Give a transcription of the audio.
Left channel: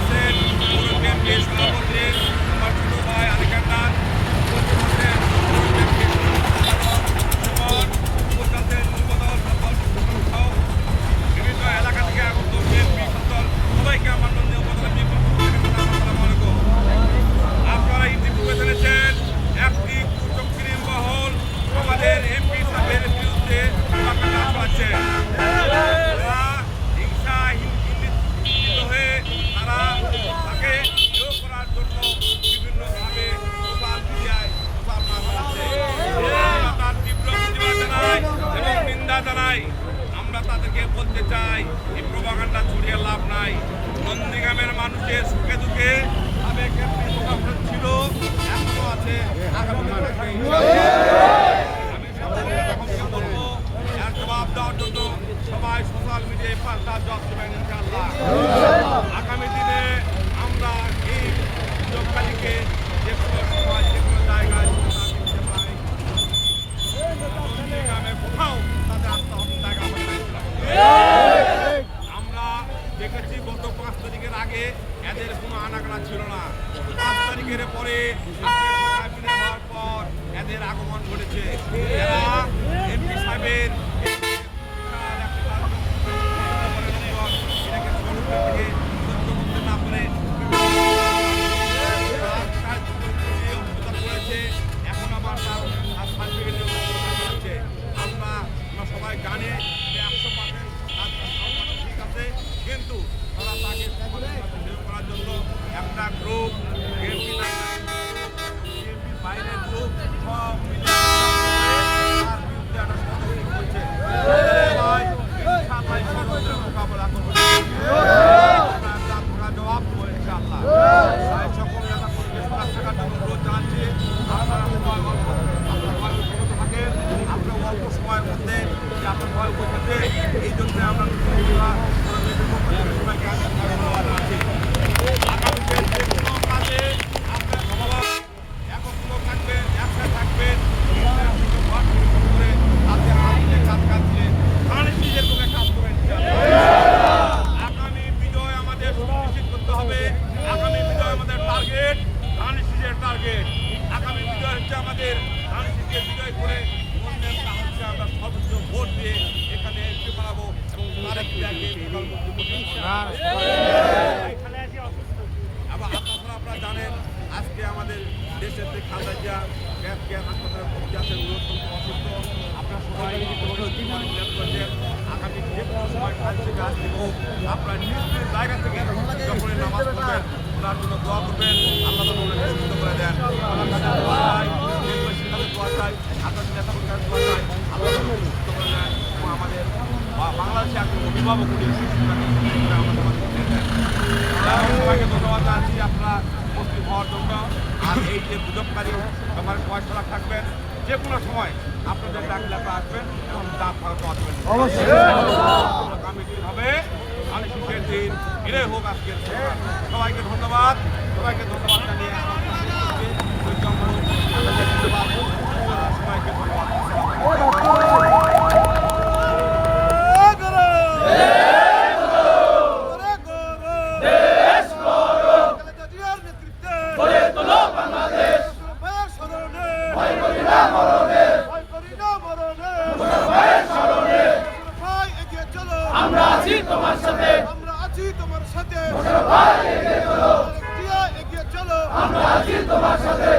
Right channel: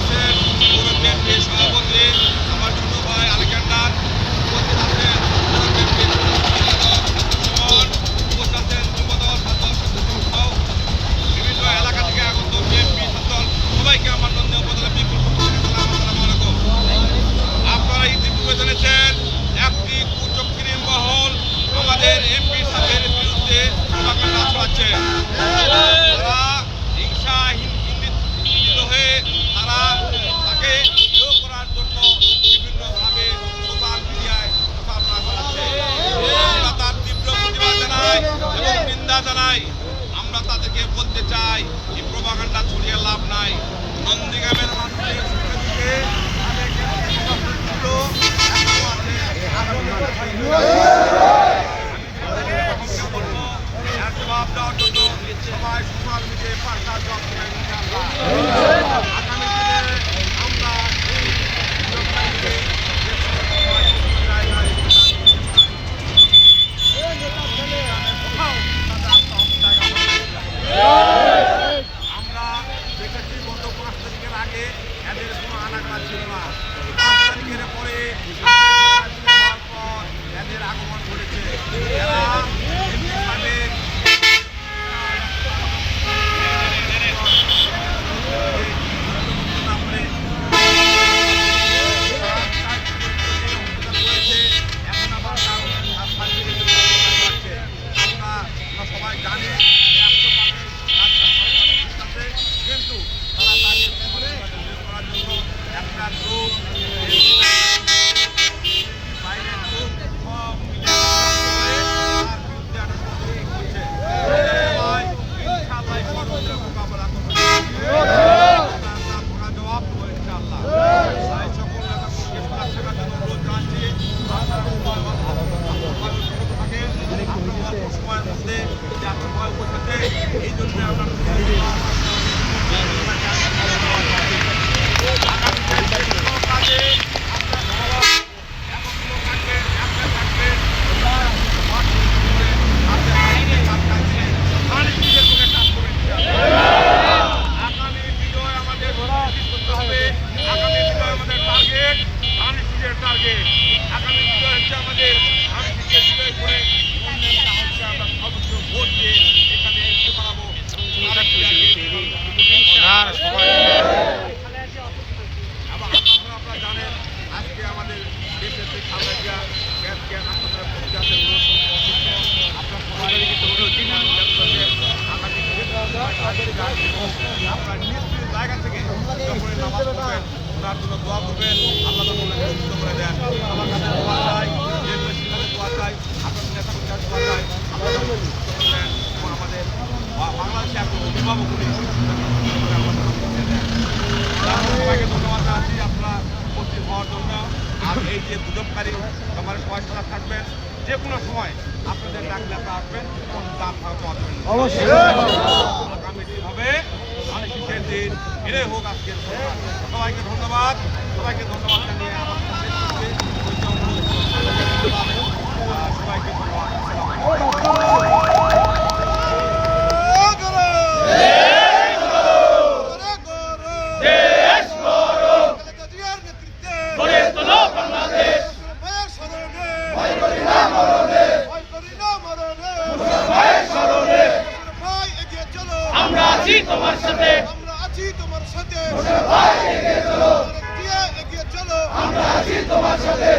আছেন সভাপতি, আমার ছোট ভাই আলেকজান্ডার, উপস্থিত আছেন পৌর বিএনপির বিভিন্ন এলাকা থেকে আগত সবাইকে আমার নন্দী উপজেলা বিএনপির পক্ষ থেকে সালাম আপনারা ইতিপূর্বে জেনেছেন, একটি কুচক্রী মহল আমাদের এমপি সাহেবের বিরুদ্ধে প্রভাকাণ্ডা ছড়াচ্ছে। তাদেরকে বলতে চাই এই প্রভাকাণ্ডা ছড়িয়ে লাভ নাই। নন্দীগ্রামের মানুষের সুখে Ah! আপনারা অল্প সময়ের মধ্যে যে আপনার পৌঁছাচ্ছে এই জন্য আমরা আপনারা আপনারা জানেন আজকে আমাদের দেশের যে গ্যাস গ্যাস হাসপাতালে অসুস্থ আপনার সবাই কিন্তু নিজ জায়গা থেকে যখন নামাজ পড়বেন ওনার জন্য দোয়া করবেন আল্লাহ সুস্থ করে দেন আমার কাছে দোয়া চাই দেশবাসীর কাছে দোয়া চাই আপনাদের নেতাকর্মীর কাছে দোয়া চাই আল্লাহ যেন ওনাকে সুস্থ করে দেন এবং আমাদের বা- বাংলাদেশে একজন অভিভাবক উনি আমাদের মাঝে দেন সবাইকে ধন্যবাদ জানাচ্ছি আপনারা উপস্থিত হওয়ার জন্য। আর এই যে গুজবকারী সবাই সজাগ থাকবেন যে কোনো সময় আপনাদের ডাকলে আপনারা আসবেন এবং দাঁত ভারত আসবেন আগামী দিন হবে। আনিসের দিন এটাই হোক আজকের সবাইকে ধন্যবাদ। সবাইকে ধন্যবাদ জানিয়ে আমার শেষ করছি। ধন্যবাদ। এগিয়ে চলো আমরা আছি তোমার সাথে।